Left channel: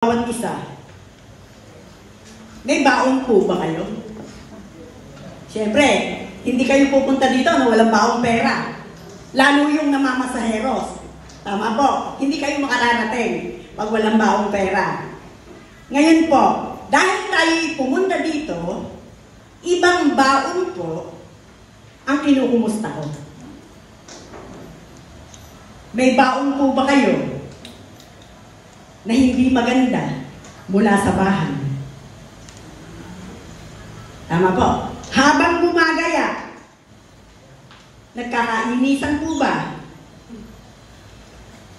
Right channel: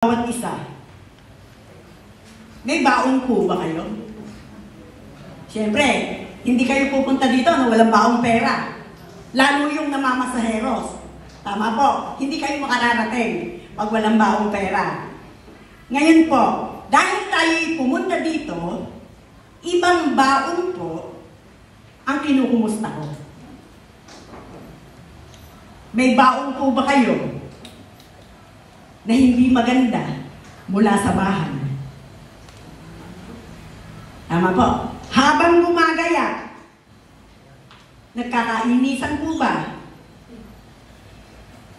bawat isa. May baon po ba kayo? Siyempre, hindi kayo pupunta dito na walang baong pera. Lalo yung namamasaheros. Tama po, hindi kayo makararating pag walang baong pera. Ngayon po, dahil tayo pumunta dito, ibang baon po ang kinukumusta ko. May baon po ba kayo na hindi maganda mula sa bahay? Tama po. Habang gumagaya, nagkakainisan po ba?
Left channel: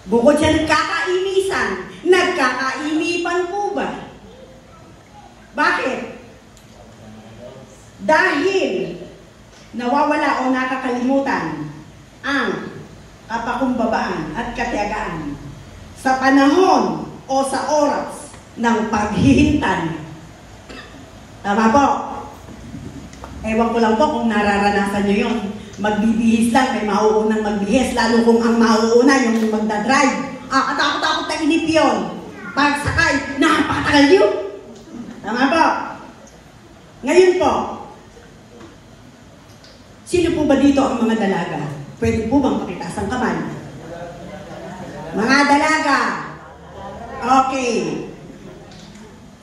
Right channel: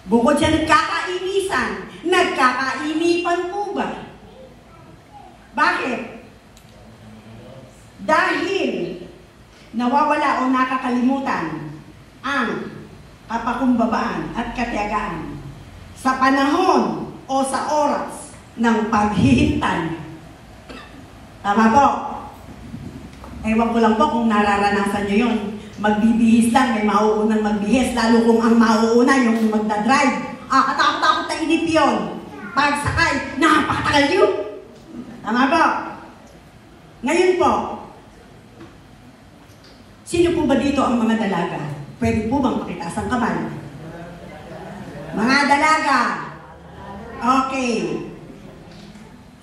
Bukod sa nagkakainisan, nagkakainipan po ba? Bakit? Dahil nawawala o nakakalimutan ang kapakumbabaan at katiyagaan sa panahon o sa oras ng paghihintay. Tama po? Ewan ko lang po kung nararanasan nyo yun. Magbibihis lang, may mauunang magbihis, lalo kung ang mauuna yung magdadrive. Katakot-takot na inip yun. Pagsakay, napakatagal yun. Tama po? Ngayon po, sino po ba dito ang mga dalaga? Pwede po bang pakitaas ang kamay? Mga dalaga. Okay.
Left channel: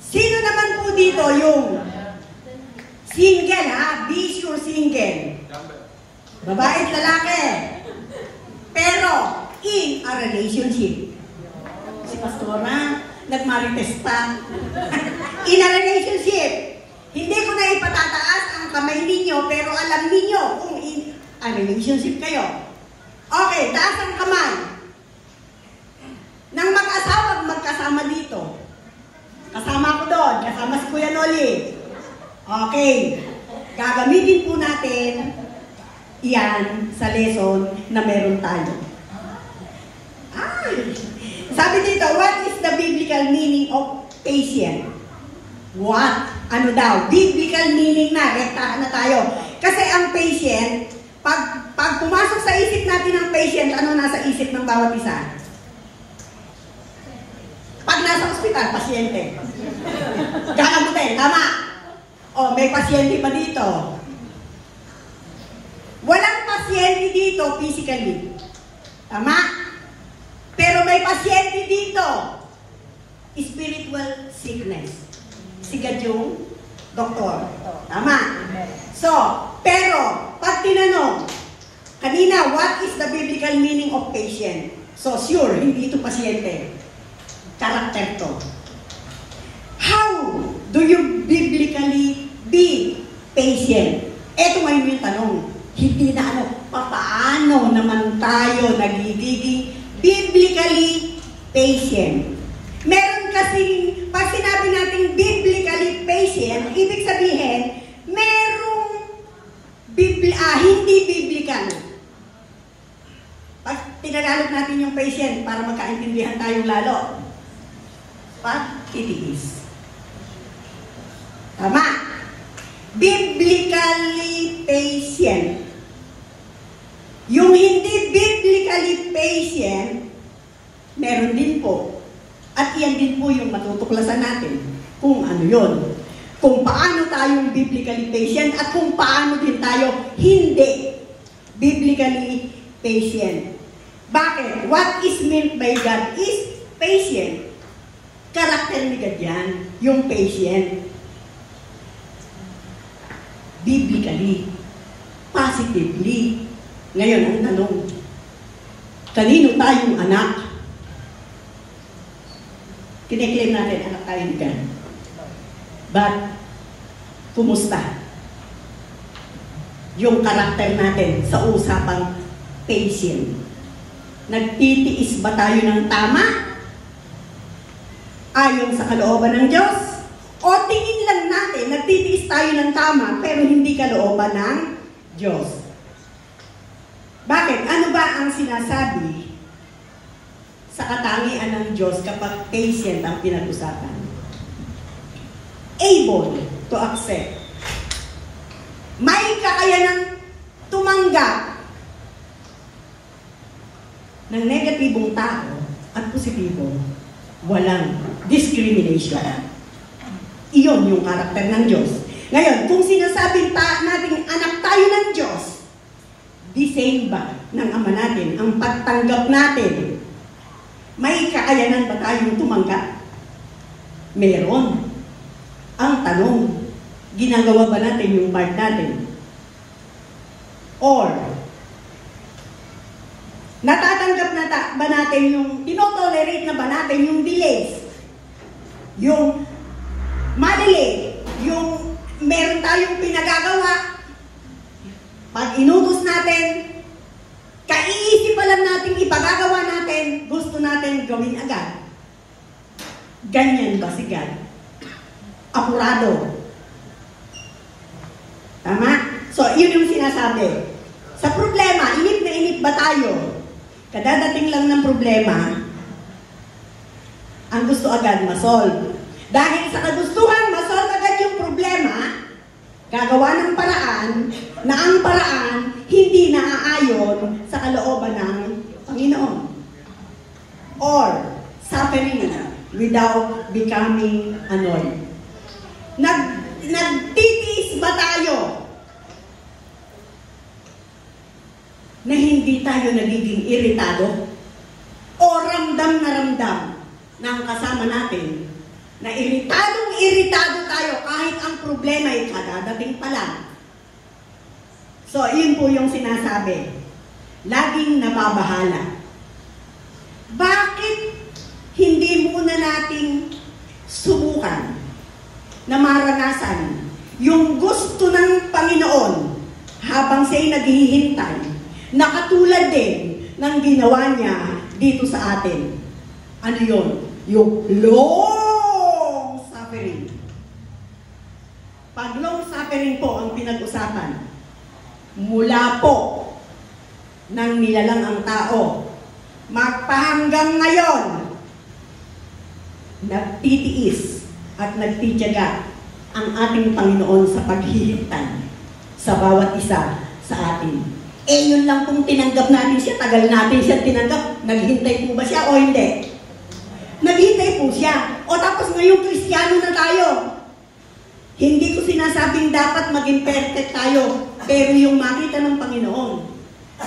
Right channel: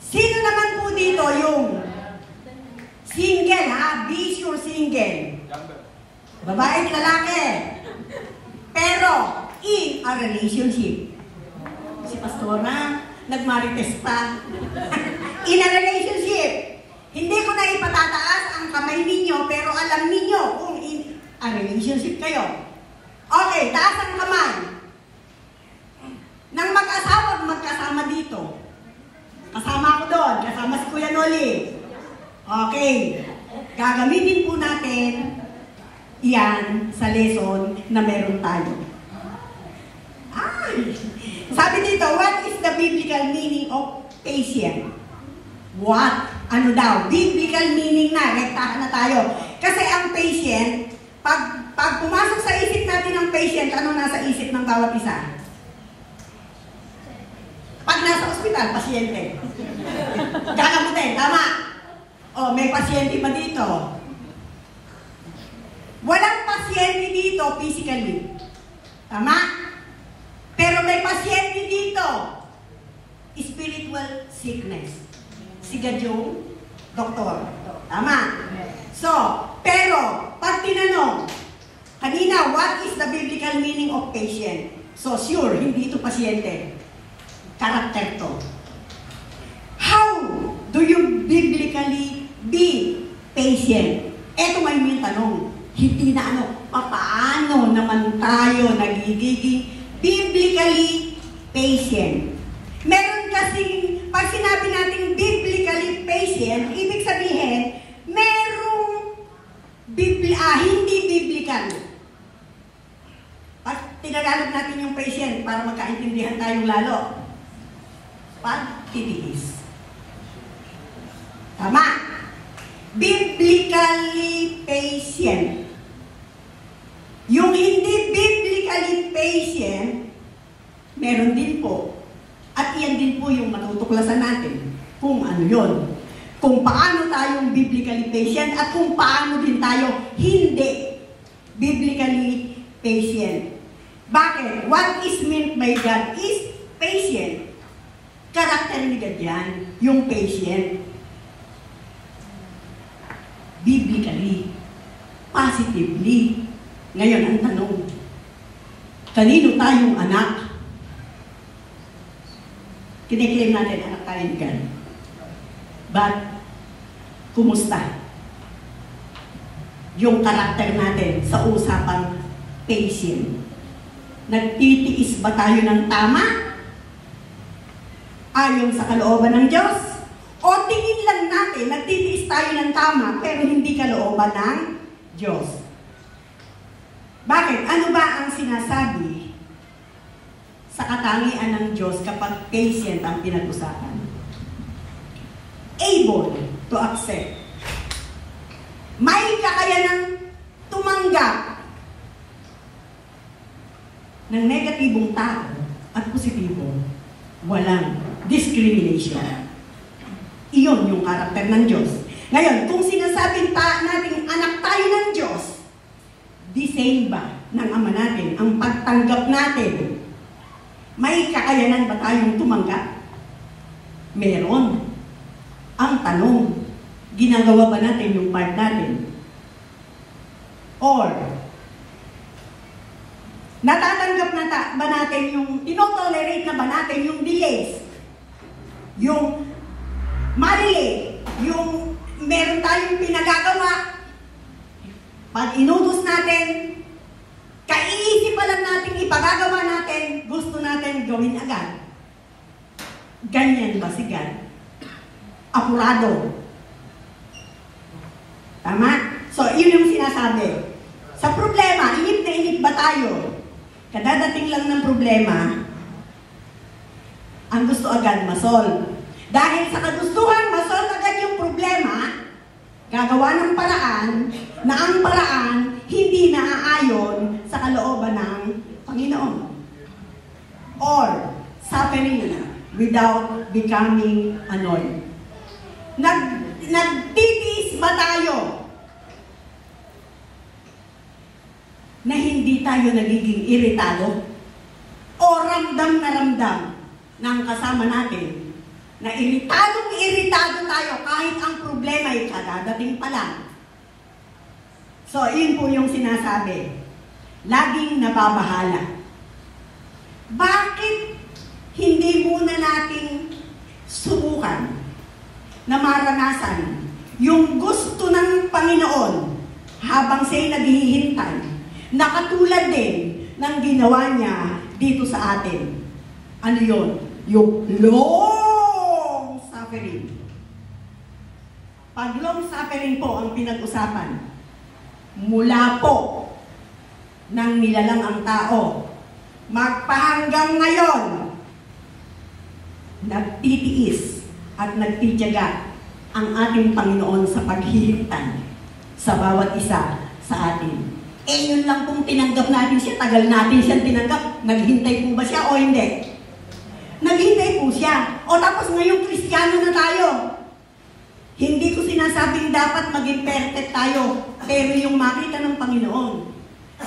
Sino naman po dito yung single, ha? Be sure single. Babae at lalaki. Pero, in a relationship. Si Pastora, nagmarites pa. In a relationship. Hindi ko na ipatataas ang kamay ninyo, pero alam ninyo kung in a relationship kayo. Okay, taas ang kamay. Nang mag-asawa, magkasama dito. Kasama ko doon, kasama si Kuya Noli. Okay, gagamitin po natin iyan sa lesson na meron tayo. Sabi dito, what is the biblical meaning of patient? What? Ano daw? Biblical meaning na, rektahan na tayo. Kasi ang patient, pag pumasok sa isip natin ang patient, ano nasa isip ng bawat isa? Pag nasa ospital, pasyente. Gagamutin, tama? O, may pasyente pa dito. Walang pasyente dito physically. Tama? Pero may pasyente dito. Spiritual sickness. Sigad yung doktor. Tama? So, pero, pag tinanong, kanina, what is the biblical meaning of patient? So, sure, hindi ito pasyente. Karakter to. How do you biblically be patient? Eto ngayon yung tanong. Hindi na ano, paano naman tayo nagiging biblically patient? Meron kasing, pag sinabi natin biblically patient, ibig sabihin, merong hindi biblical. Pag tinagalog natin yung patient para magkaintindihan tayong lalo, pagtitiis. Tama? Biblically patient. Yung hindi biblically patient, meron din po. At iyan din po yung natutuklasan natin kung ano yun. Kung paano tayong biblically patient at kung paano din tayo hindi biblically patient. Bakit? What is meant by God is patient. Karakter ni God yan, yung patient. Biblically, positively. Ngayon ang tanong, kanino tayong anak? Kiniklaim natin anak tayo ni God. But, kumusta? Yung karakter natin sa usapang patient. Nagtitiis ba tayo ng tama? Ayon sa kalooban ng Diyos? O tingin lang natin, nagtitiis tayo ng tama, pero hindi kalooban ng Diyos? Bakit? Ano ba ang sinasabi sa katangian ng Diyos kapag patient ang pinag-usapan? Able to accept. May kakayanang tumanggap ng negatibong tao at positibo. Walang discrimination. Iyon yung karakter ng Diyos. Ngayon, kung sinasabing natin anak tayo ng Diyos, the same ba ng Ama natin, ang pagtanggap natin, may kakayanan ba tayong tumanggap? Meron. Ang tanong, ginagawa ba natin yung part natin? Or, natatanggap ba natin yung, tinotolerate na ba natin yung delays? Yung mali, yung meron tayong pinagagawa, pag inutos natin, kaiisip pa lang natin, ipagagawa natin, gusto natin gawin agad. Ganyan ba si God? Apurado. Tama? So, yun yung sinasabi. Sa problema, inip na inip ba tayo? Kadadating lang ng problema, ang gusto agad masolve. Dahil sa kagustuhan, masolve agad yung problema, gagawa ng paraan, na ang paraan hindi naaayon sa kalooban ng Panginoon. Or, suffering without becoming annoyed. Nagtitiis ba tayo na hindi tayo nagiging iritado? O ramdam na ramdam ng kasama natin na iritado tayo kahit ang problema ay kadadating pa lang? So, yun po yung sinasabi. Laging nababahala. Bakit hindi muna nating subukan na maranasan yung gusto ng Panginoon habang siya'y naghihintay na katulad din ng ginawa niya dito sa atin? Ano yun? Yung long suffering. Pag long suffering po ang pinag-usapan, mula po nang nilalang ang tao, magpahanggang ngayon, nagtitiis at nagtitiyaga ang ating Panginoon sa paghihintay sa bawat isa sa atin. Yun lang kung tinanggap natin siya, tagal natin siya tinanggap, naghintay po ba siya o hindi? Naghintay po siya. O tapos ngayon, Kristiyano na tayo. Hindi ko sinasabing dapat maging perfect tayo, pero yung makita ng Panginoon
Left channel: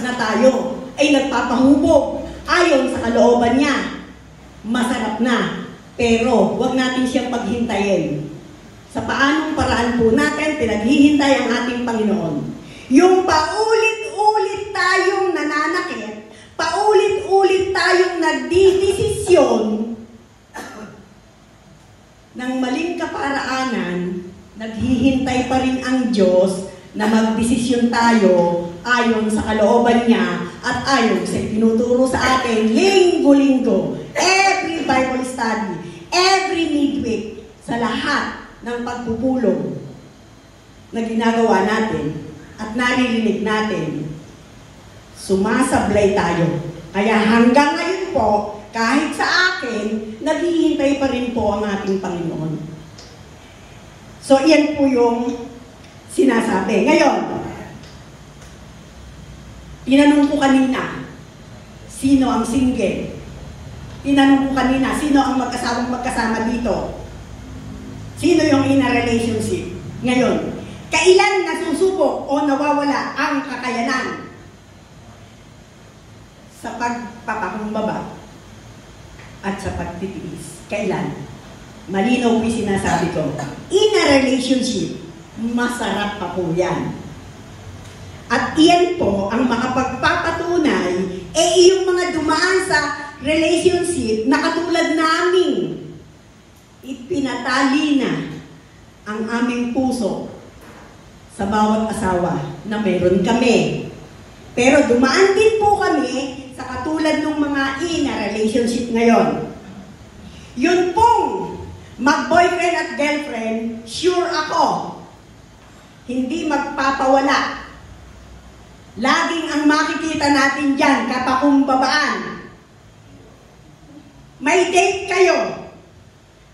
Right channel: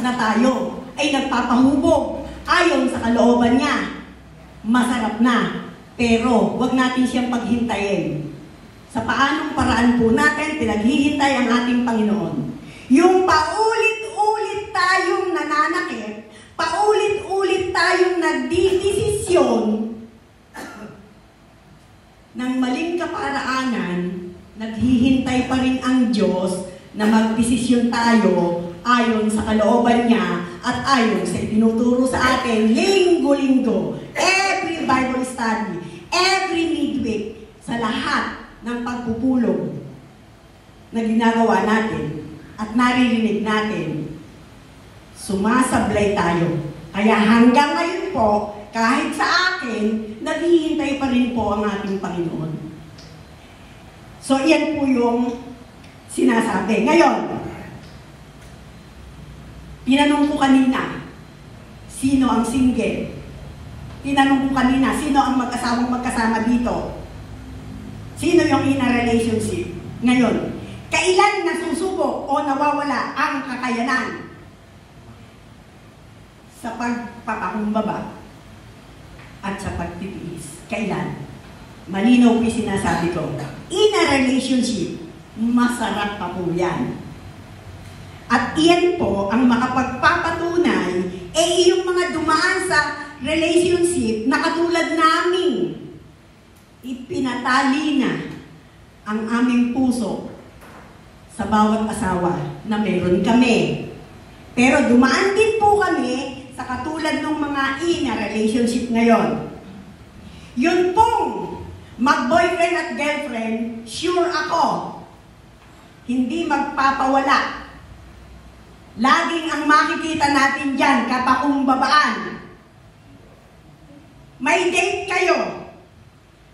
na tayo ay nagpapahubog ayon sa kalooban niya, masarap na. Pero wag natin siyang paghintayin. Sa paanong paraan po natin pinaghihintay ang ating Panginoon. Yung paulit-ulit tayong nananakit, paulit-ulit tayong nagdidesisyon ng maling kaparaanan, naghihintay pa rin ang Diyos na magdesisyon tayo ayon sa kalooban niya at ayon sa tinuturo sa atin linggo-linggo, every Bible study, every midweek, sa lahat ng pagpupulong na ginagawa natin at naririnig natin, sumasablay tayo. Kaya hanggang ngayon po, kahit sa akin, naghihintay pa rin po ang ating Panginoon. So, iyan po yung sinasabi. Ngayon, tinanong ko kanina, sino ang single? Tinanong ko kanina, sino ang magkasama dito? Sino yung in a relationship? Ngayon, kailan nasusubok o nawawala ang kakayanan sa pagpapakumbaba at sa pagtitiis? Kailan? Malinaw po sinasabi ko. In a relationship, masarap pa po yan. At iyan po ang makapagpapatunay yung mga dumaan sa relationship na katulad namin. Ipinatali na ang aming puso sa bawat asawa na meron kami. Pero dumaan din po kami sa katulad ng mga in a relationship ngayon. Yun pong mag-boyfriend at girlfriend, sure ako, hindi magpapawala. Laging ang makikita natin dyan, kapakumbabaan. May date kayo.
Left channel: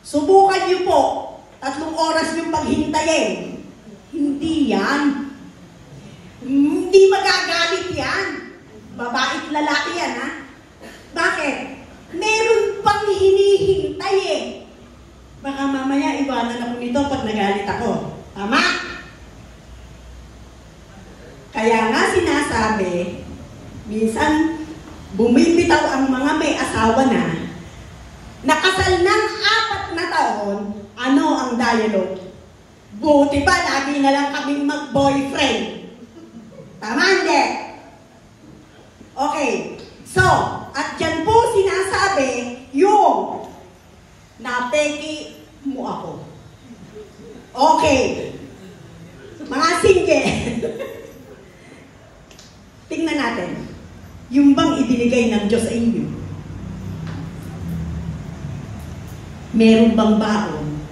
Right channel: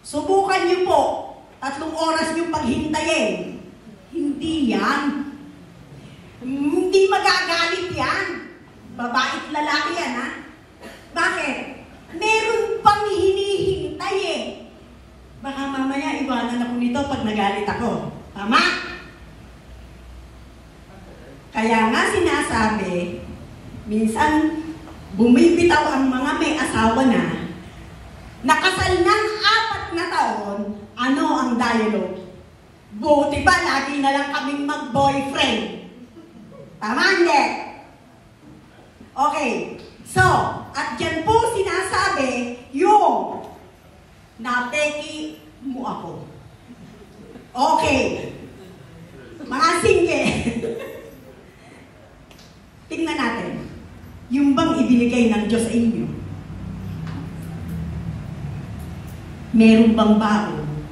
Subukan niyo po, 3 oras yung paghintayin. Hindi yan. Hindi magagalit yan. Babae at lalaki yan, ha? Bakit? Meron pang hinihintay eh. to pag nagalit ako. Tama? Kaya nga sinasabi, minsan bumibitaw ang mga may asawa na, nakasal ng 4 na taon, ano ang dialogue? Buti pa, lagi na lang kaming mag-boyfriend. Tama, hindi? Okay. So, at dyan po sinasabi, yung napeki mo ako. Okay. Mga single. Tingnan natin. Yung bang ibinigay ng Diyos sa inyo? Meron bang baon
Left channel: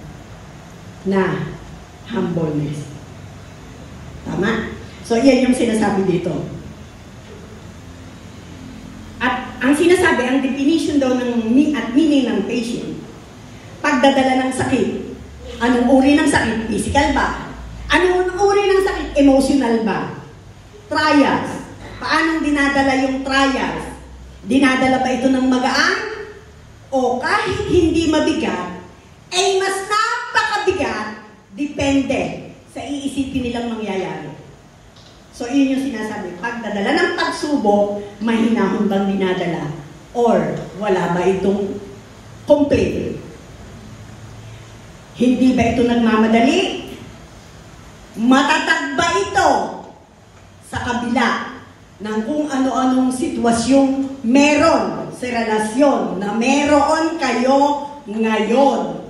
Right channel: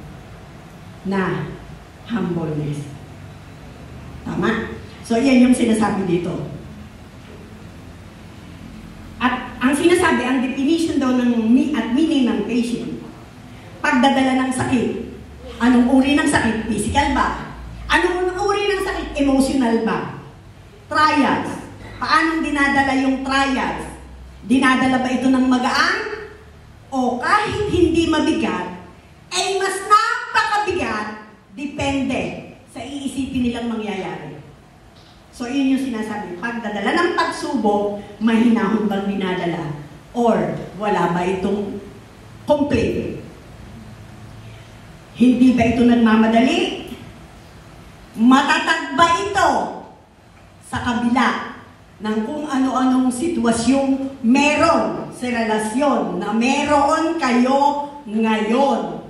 na humbleness? Tama? So, yan yung sinasabi dito. At ang sinasabi, ang definition daw ng at meaning ng patient, pagdadala ng sakit. Anong uri ng sakit? Physical ba? Anong uri ng sakit? Emotional ba? Trials. Paano dinadala yung trials? Dinadala ba ito ng magaan? O kahit hindi mabigat, ay mas napakabigat, depende sa iisipin nilang mangyayari. So, yun yung sinasabi. Pagdadala ng pagsubok, mahinahon bang dinadala? Or wala ba itong complete? Hindi ba ito nagmamadali? Matatag ba ito sa kabila ng kung ano-anong sitwasyong meron sa relasyon na meron kayo ngayon?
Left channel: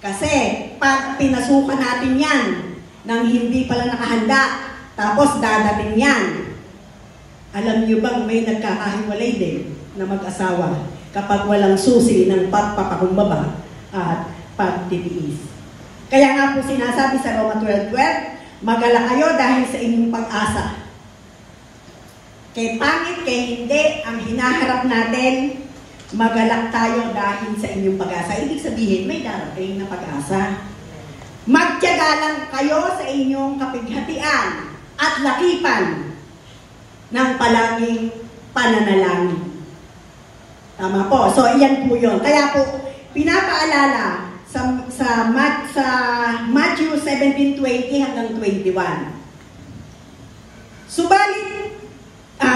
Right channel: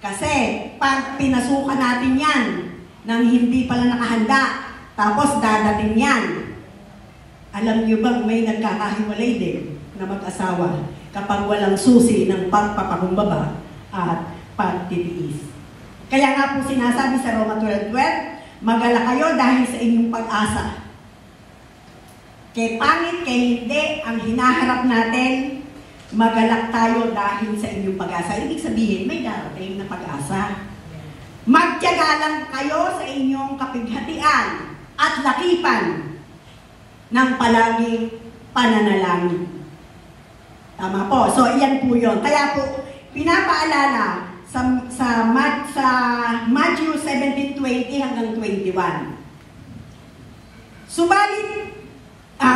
Kasi pag pinasukan natin yan nang hindi pala nakahanda, tapos dadating yan, alam niyo bang may nagkakahiwalay din na mag-asawa kapag walang susi ng pagpapakumbaba at pagtitiis. Kaya nga po sinasabi sa Roma 12:12, magala kayo dahil sa inyong pag-asa. Kay pangit, kay hindi, ang hinaharap natin, magalak tayo dahil sa inyong pag-asa. Ibig sabihin, may darating na pag-asa. Magtiyaga lang kayo sa inyong kapighatian at lakipan ng palaging pananalangin. Tama po. So, iyan po yun. Kaya po, pinapaalala sa Matthew 17:20 hanggang 21.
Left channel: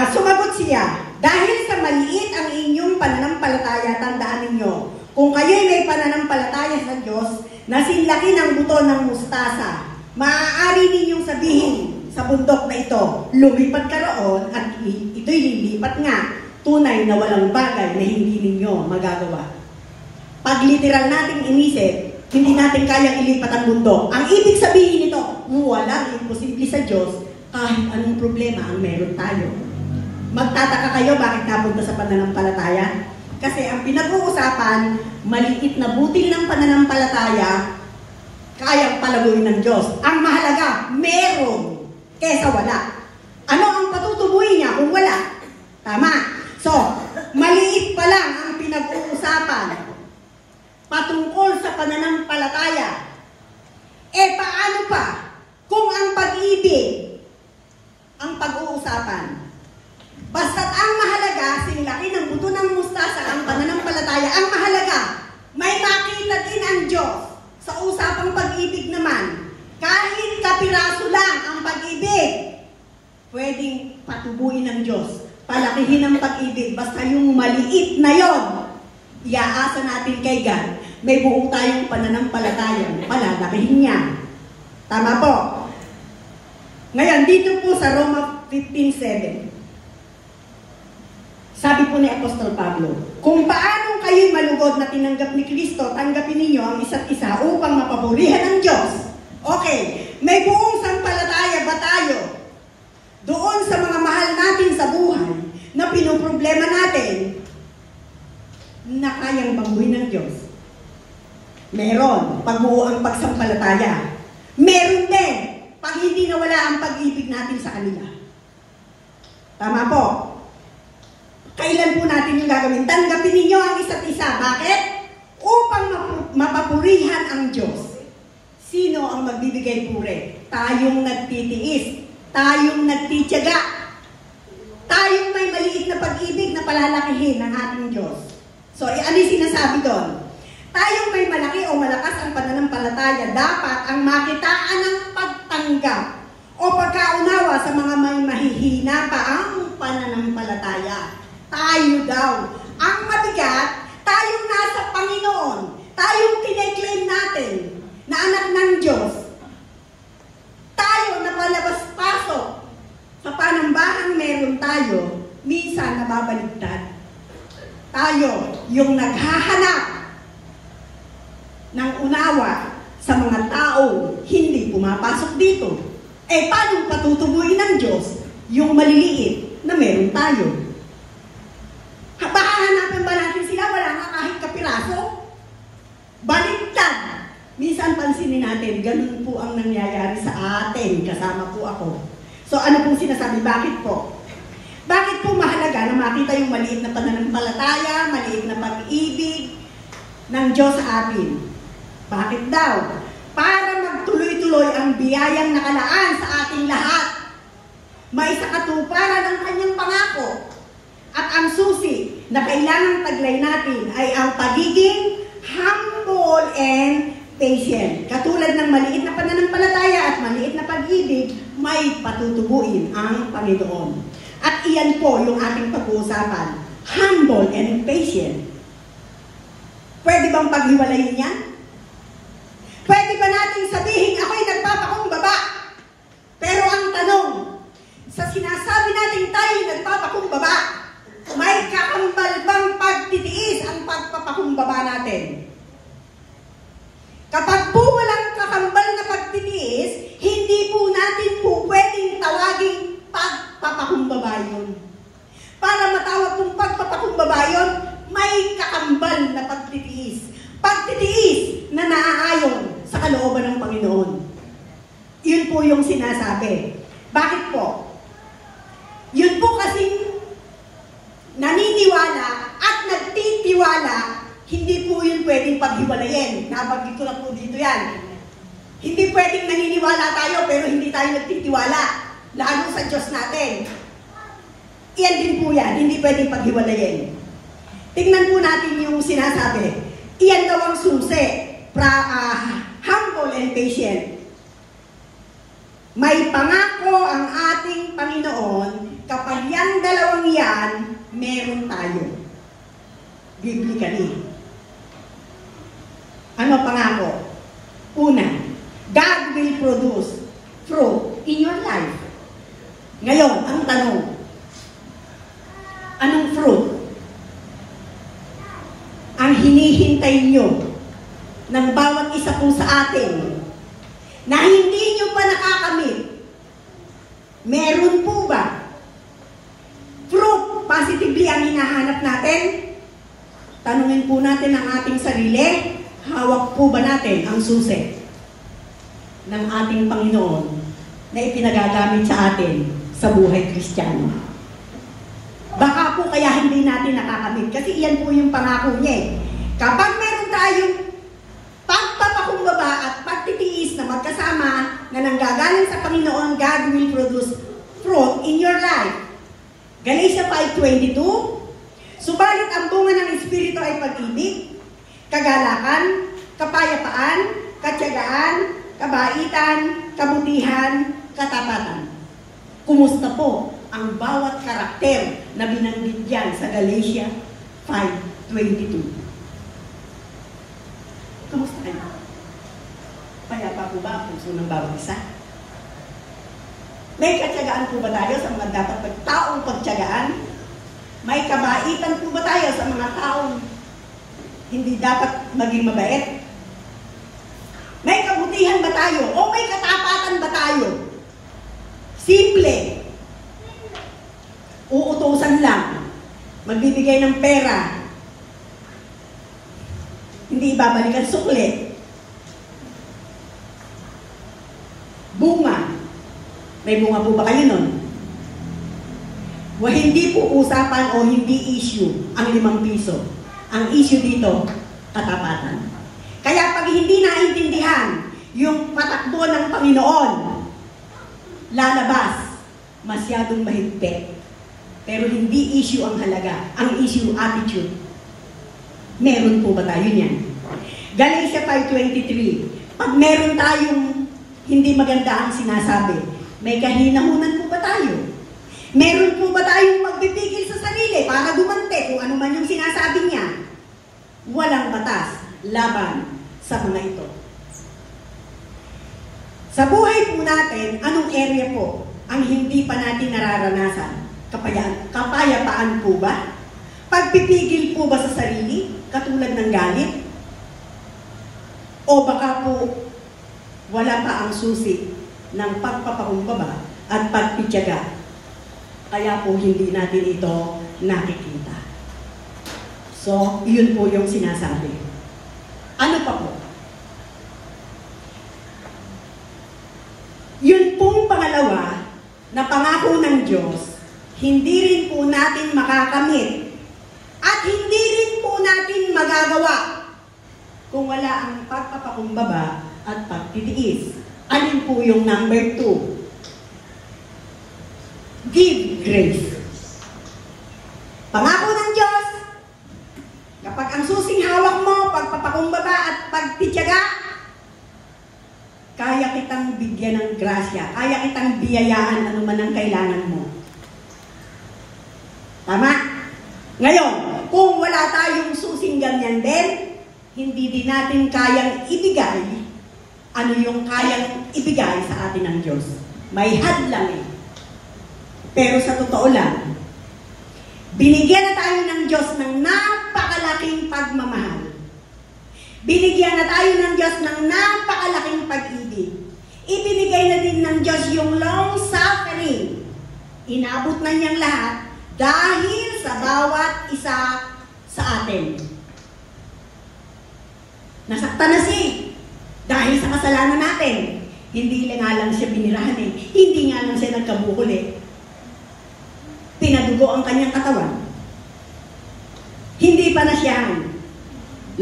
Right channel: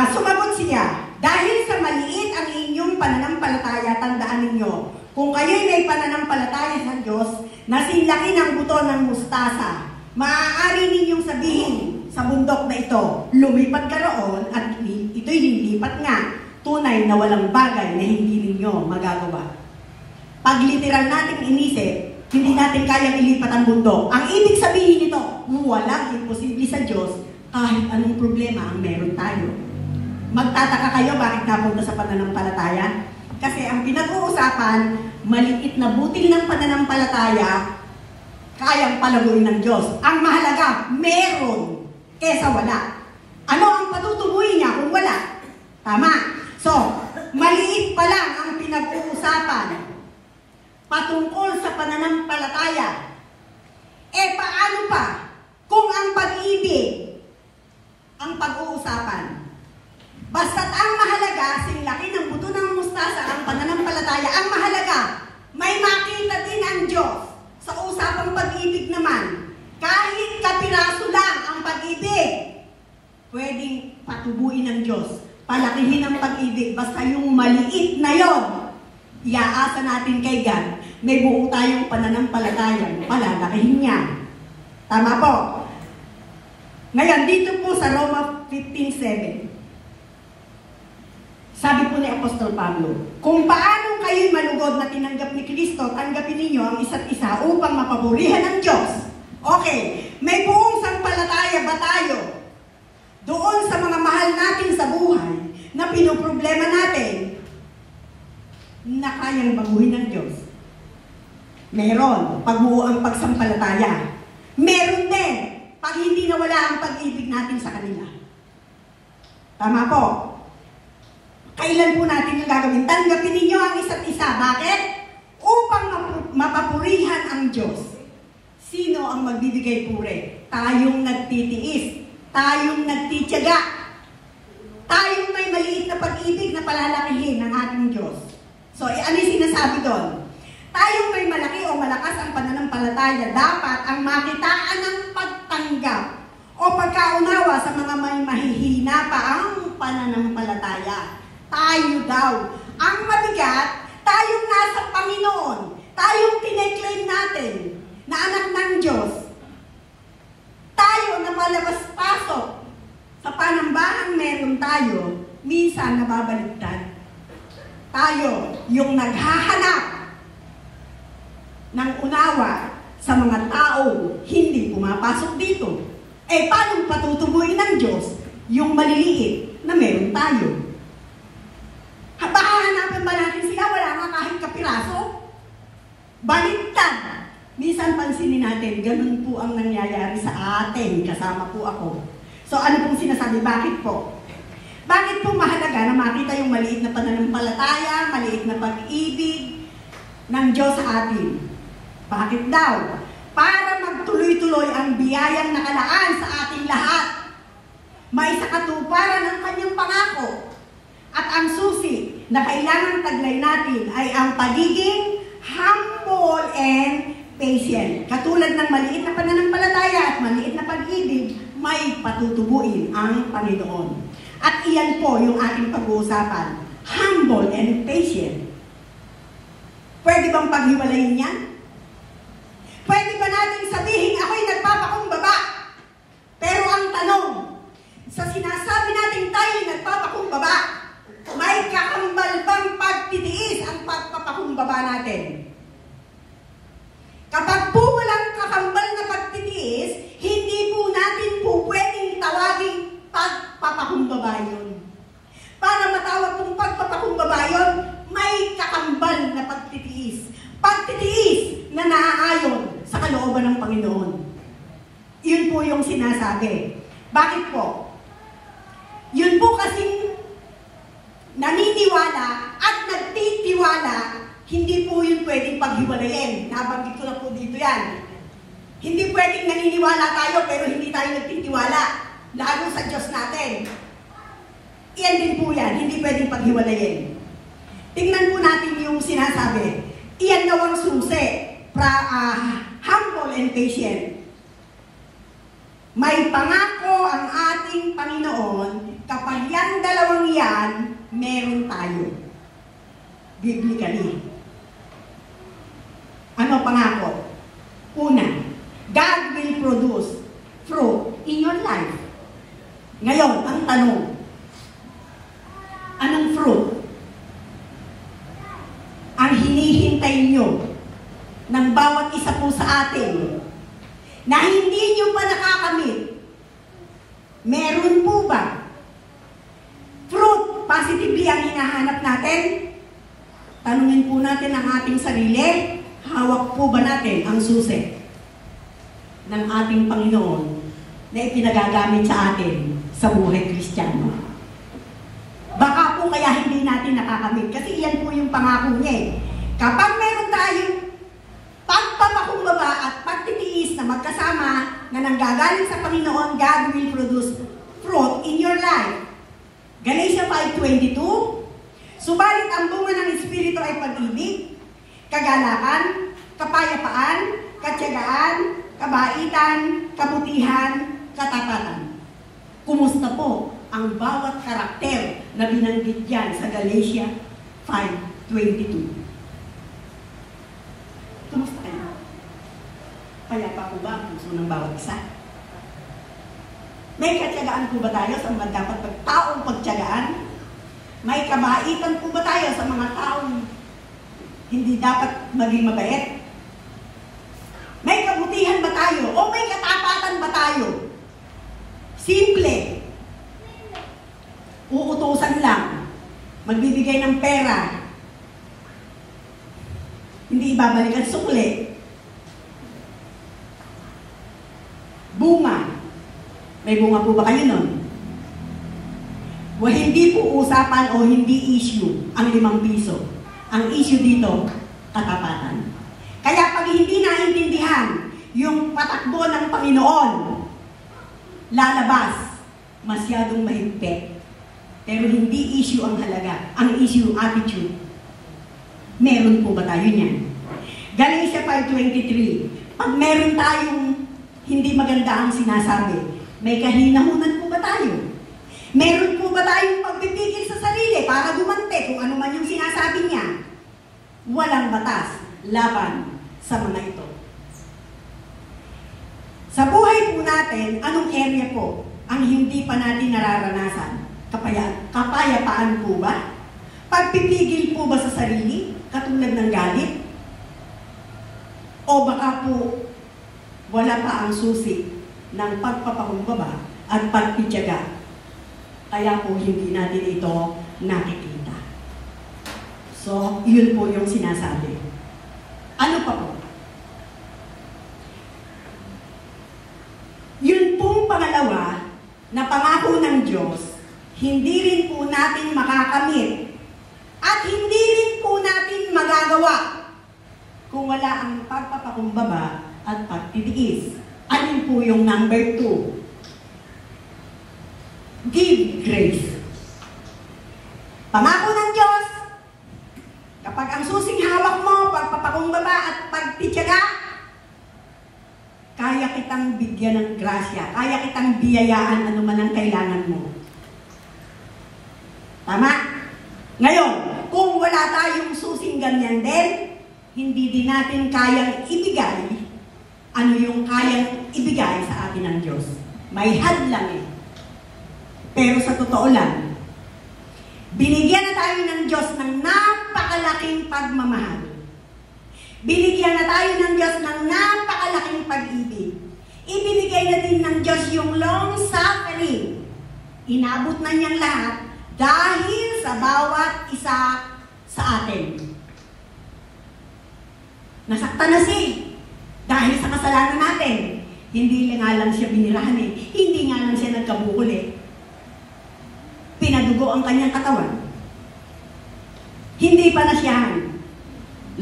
Sumagot siya, dahil sa maliit ang inyong pananampalataya, tandaan ninyo, kung kayo'y may pananampalataya sa Diyos, na sinlaki ng buto ng mustasa, maaari ninyong sabihin sa bundok na ito, lumipat ka roon at ito'y lilipat nga, tunay na walang bagay na hindi ninyo magagawa. Pag literal natin inisip, hindi natin kayang ilipat ang mundo. Ang ibig sabihin nito, walang imposible sa Diyos kahit anong problema ang meron tayo. Magtataka kayo bakit napunta sa pananampalataya? Kasi ang pinag-uusapan, maliit na butil ng pananampalataya, kayang palaguin ng Diyos. Ang mahalaga, meron kesa wala. Ano ang patutubuhin niya kung wala? Tama. So, maliit pa lang ang pinag-uusapan patungkol sa pananampalataya. Paano pa kung ang pag-ibig ang pag-uusapan? Basta't ang mahalaga, sinlaki ng buto ng mustasa ang pananampalataya, ang mahalaga, may makita din ang Diyos sa usapang pag-ibig naman. Kahit kapiraso lang ang pag-ibig, pwedeng patubuin ng Diyos. Palakihin ang pag-ibig, basta yung maliit na yon, iaasa natin kay God, may buo tayong pananampalataya, palalakihin niya. Tama po. Ngayon, dito po sa Roma 15:7, sabi po ni Apostol Pablo, kung paano kayo'y malugod na tinanggap ni Kristo, tanggapin ninyo ang isa't isa upang mapapurihan ng Diyos. Okay, may buong sampalataya ba tayo doon sa mga mahal natin sa buhay na pinoproblema natin na kayang baguhin ng Diyos? Meron, pag buo ang pagsampalataya. Meron din, pag hindi nawala ang pag-ibig natin sa kanila. Tama po. Kailan po natin yung gagawin? Tanggapin ninyo ang isa't isa. Bakit? Upang mapapurihan ang Diyos. Sino ang magbibigay puri? Tayong nagtitiis. Tayong nagtitiyaga. Tayong may maliit na pag-ibig na palalakihin ng ating Diyos. So, ano yung sinasabi doon? Tayong may malaki o malakas ang pananampalataya makitaan ng pagtanggap o pagkaunawa sa mga may mahihina pa ang pananampalataya. Tayo daw ang mabigat, tayong nasa Panginoon, tayong kine-claim natin na anak ng Diyos. Tayo na palabas-pasok sa panambahan meron tayo, minsan nababaligtad. Tayo yung naghahanap ng unawa sa mga tao hindi pumapasok dito. Eh, paano patutubuin ng Diyos yung maliliit na meron tayo? Hahanapin ba natin sila? Wala nga kahit kapiraso? Baligtad. Minsan pansinin natin, ganun po ang nangyayari sa atin. Kasama po ako. So, ano pong sinasabi? Bakit po? Bakit po mahalaga na makita yung maliit na pananampalataya, maliit na pag-ibig ng Diyos sa atin? Bakit daw? Para magtuloy-tuloy ang biyayang nakalaan sa ating lahat. May sakatuparan ng kanyang pangako. At ang susi na kailangang taglay natin ay ang pagiging humble and patient. Katulad ng maliit na pananampalataya at maliit na pag-ibig, may patutubuin ang Panginoon. At iyan po yung ating pag-uusapan. Humble and patient. Pwede bang paghiwalayin yan? Pwede ba natin sabihin, ako'y nagpapakumbaba? Pero ang tanong, sa sinasabi natin tayo nagpapakumbaba, may kakambal bang pagtitiis ang pagpapakumbaba natin? Kapag po walang kakambal na pagtitiis, hindi po natin po pwedeng tawaging pagpapakumbaba yun. Para matawag kong pagpapakumbaba yun, may kakambal na pagtitiis. Pagtitiis na naaayon sa kalooban ng Panginoon. Yun po yung sinasabi. Bakit po? Yun po kasing naniniwala at nagtitiwala, hindi po yun pwedeng paghiwalayin. Nabanggit ko na po dito yan. Hindi pwedeng naniniwala tayo pero hindi tayo nagtitiwala. Lalo sa Diyos natin. Iyan din po yan. Hindi pwedeng paghiwalayin. Tingnan po natin yung sinasabi. Iyan daw ang susi. Humble and patient. May pangako ang ating Panginoon kapag yan dalawang yan, meron tayo. Biblically. Ano pangako? Una, God will produce fruit in your life. Ngayon, ang tanong, anong fruit ang hinihintay nyo ng bawat isa po sa atin na hindi nyo pa nakakamit? Meron po ba? Fruit, positively ang hinahanap natin? Tanungin po natin ang ating sarili, hawak po ba natin ang susi ng ating Panginoon na ipinagagamit sa atin sa buhay Kristiyano? Baka po kaya hindi natin nakakamit kasi iyan po yung pangako niya eh. Kapag meron tayong pagpapakumbaba at pagtitiis na magkasama na nanggagaling sa Panginoon, God will produce fruit in your life. Galatia 5:22. Subalit ang bunga ng Espiritu ay pag-ibig, kagalakan, kapayapaan, katiyagaan, kabaitan, kabutihan, katapatan. Kumusta po ang bawat karakter na binanggit yan sa Galatia 5:22? Kumusta kayo? Payapa po ba ang puso ng bawat isa? May katiyagaan po ba tayo sa mga dapat taong pagtiyagaan? May kabaitan po ba tayo sa mga taong hindi dapat maging mabait? May kabutihan ba tayo? O may katapatan ba tayo? Simple. Uutusan lang. Magbibigay ng pera. Hindi ibabalik ang sukli. Bunga. May bunga po ba kayo nun? Hindi po usapan o hindi issue ang 5 piso. Ang issue dito, katapatan. Kaya pag hindi naintindihan yung patakbo ng Panginoon, lalabas, masyadong mahigpit. Pero hindi issue ang halaga. Ang issue, attitude. Meron po ba tayo niyan? Galatia 5:23. Pag meron tayong hindi maganda ang sinasabi, may kahinahunan po ba tayo? Meron po ba tayong pagpipigil sa sarili para dumante kung ano man yung sinasabi niya? Walang batas laban sa mga ito. Sa buhay po natin, anong area po ang hindi pa natin nararanasan? Kapayapaan po ba? Pagpipigil po ba sa sarili, katulad ng galit? O baka po wala pa ang susi ng pagpapakumbaba at pagpityaga, kaya po hindi natin ito nakikita. So, yun po yung sinasabi. Ano pa po? Yun pong pangalawa na pangako ng Diyos, hindi rin po natin makakamit at hindi rin po natin magagawa kung wala ang pagpapakumbaba at pagtitiis. Ano po yung number 2? Give grace. Pangako ng Diyos, kapag ang susing hawak mo, pagpapakumbaba at pagtitiyaga, kaya kitang bigyan ng grasya, kaya kitang biyayaan ano man ang kailangan mo. Tama? Ngayon, kung wala tayong susing ganyan din, hindi din natin kayang ibigay ano yung kayang ibigay sa atin ng Diyos. May hadlang eh. Pero sa totoo lang, binigyan na tayo ng Diyos ng napakalaking pagmamahal. Binigyan na tayo ng Diyos ng napakalaking pag-ibig. Ibinigay na din ng Diyos yung long suffering. Inabot na niyang lahat dahil sa bawat isa sa atin. Nasaktan na siya dahil sa kasalanan natin. Hindi lang siya binirahan eh. Hindi nga lang siya nagkabukol eh. Pinadugo ang kanyang katawan. Hindi pa na siya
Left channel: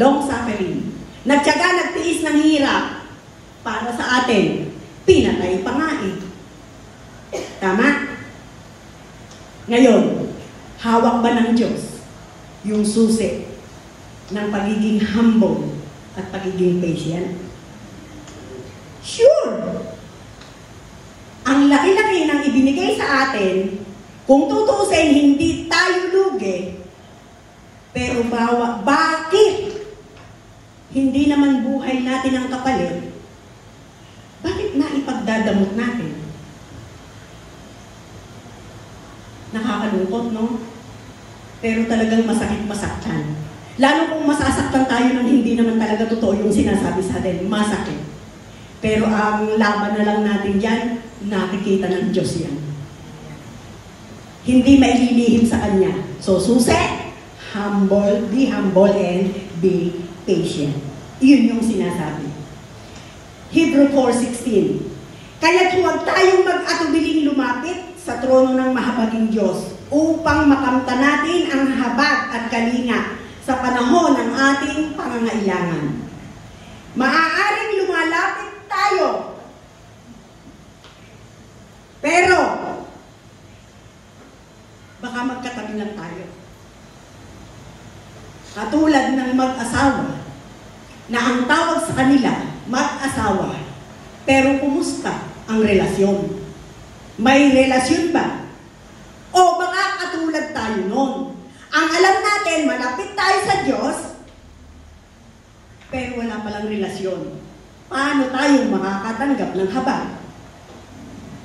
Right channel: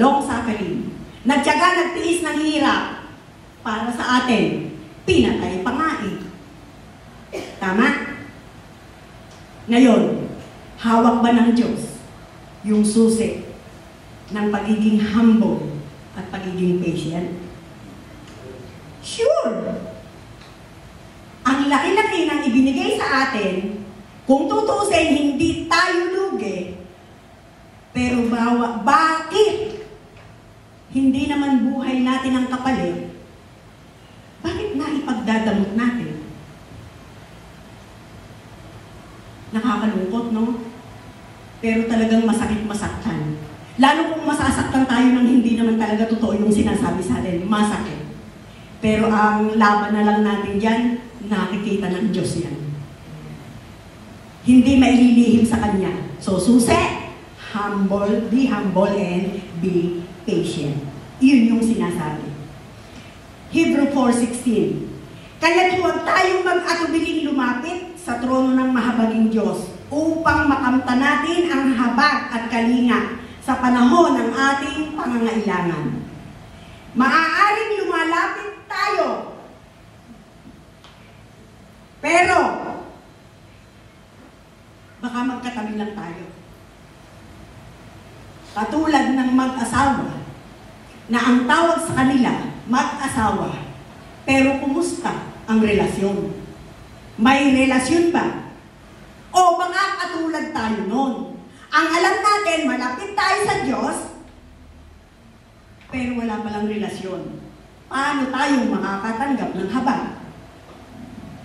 long suffering. Nagtiyaga, nagtiis ng hirap para sa atin. Pinatay pa nga eh. Tama? Ngayon, hawak ba ng Diyos yung susi ng pagiging humble at pagiging patient? Sure! Ang laki-laki ng ibinigay sa atin, kung tutuusin, hindi tayo lugi. Pero bakit hindi naman buhay natin ang kapalit? Bakit na ipagdadamot natin? Nakakalungkot, no? Pero talagang masakit-masaktan. Lalo kung masasaktan tayo ng hindi naman talaga totoo yung sinasabi sa atin, masakit. Pero ang laban na lang natin dyan, nakikita ng Diyos yan. Hindi maililihim sa Kanya. So, susi, be humble and be patient. Iyon yung sinasabi. Hebrew 4:16. Kaya't huwag tayong mag-atubiling lumapit sa trono ng mahabaging Diyos upang makamta natin ang habag at kalinga sa panahon ng ating pangangailangan. Maaaring lumalapit tayo. Pero, baka magkatabi lang tayo. Katulad ng mag-asawa, na ang tawag sa kanila, mag-asawa. Pero kumusta ang relasyon? May relasyon ba? O baka katulad tayo noon. Ang alam natin, malapit tayo sa Diyos, pero wala palang relasyon. Paano tayo makakatanggap ng habag?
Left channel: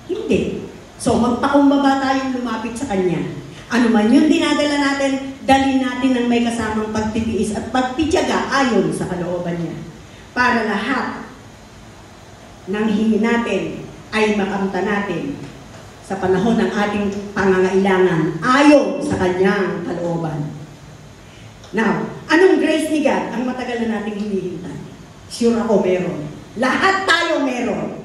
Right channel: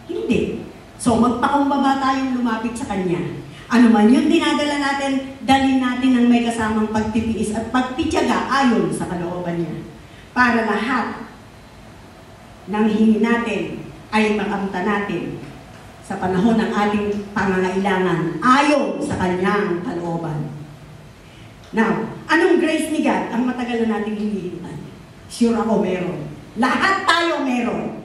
Hindi. So, magpakumbaba tayong lumapit sa Kanya. Ano man yung dinadala natin, dalhin natin ng may kasamang pagtitiis at pagtitiyaga ayon sa kalooban niya. Para lahat ng hingin natin ay makamta natin sa panahon ng ating pangangailangan ayon sa Kanyang kalooban. Now, anong grace ni God ang matagal na nating hinihintan? Sure ako meron. Lahat tayo meron.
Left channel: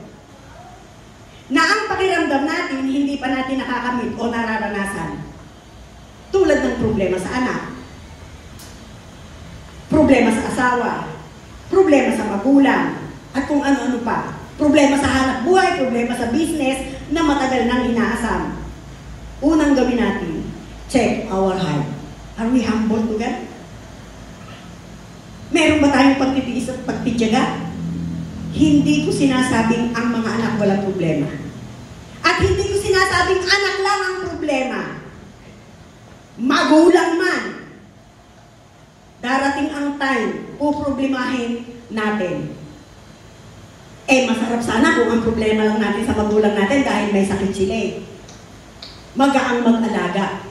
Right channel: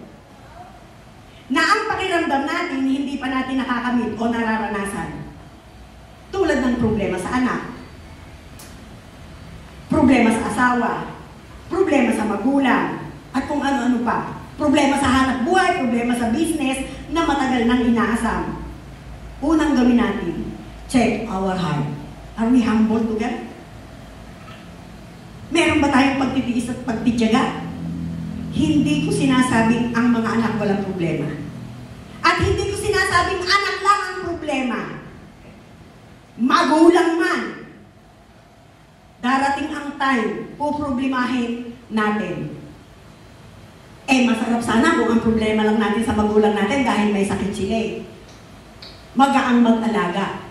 Na ang pakiramdam natin, hindi pa natin nakakamit o nararanasan. Tulad ng problema sa anak, problema sa asawa, problema sa magulang, at kung ano-ano pa. Problema sa hanap buhay, problema sa business na matagal nang inaasam. Unang gawin natin, check our heart. Are we humble to God? Meron ba tayong pagtitiis at pagtitiyaga? Hindi ko sinasabing ang mga anak walang problema. At hindi ko sinasabing anak lang ang problema. Magulang man. Darating ang time, poproblemahin natin. Masarap sana kung ang problema lang natin sa magulang natin dahil may sakit sila eh. Magaang mag-alaga.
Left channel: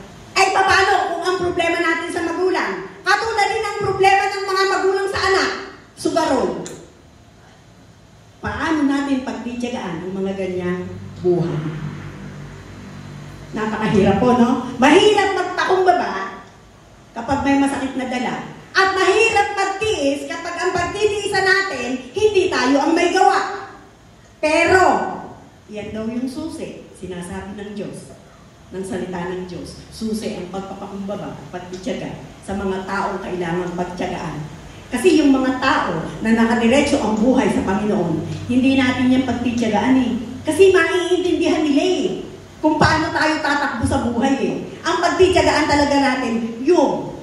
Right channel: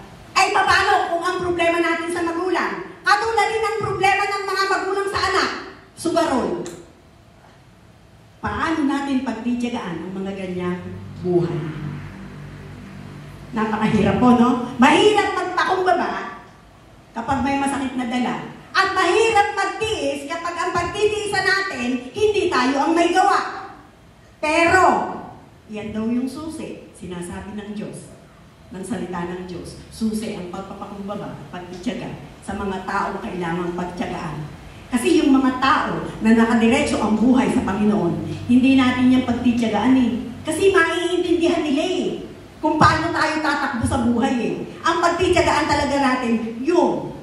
Paano kung ang problema natin sa magulang? Katulad din ang problema ng mga magulang sa anak. Sugarol. Paano natin pagtitiyagaan ang mga ganyang buhay? Napakahirap po, no? Mahirap magpakumbaba kapag may masakit na dala. At mahirap pagtiis kapag ang pagtitiisan natin, hindi tayo ang may gawa. Pero, yan daw yung susi, sinasabi ng Diyos, ng salita ng Diyos. Susi ang pagpapakumbaba, pagtitiyaga sa mga taong kailangan pagtiyagaan. Kasi yung mga tao na nakadiretso ang buhay sa Panginoon, hindi natin yan pagtitiyagaan eh. Kasi maiintindihan nila eh, kung paano tayo tatakbo sa buhay eh. Ang pagtitiyagaan talaga natin, yung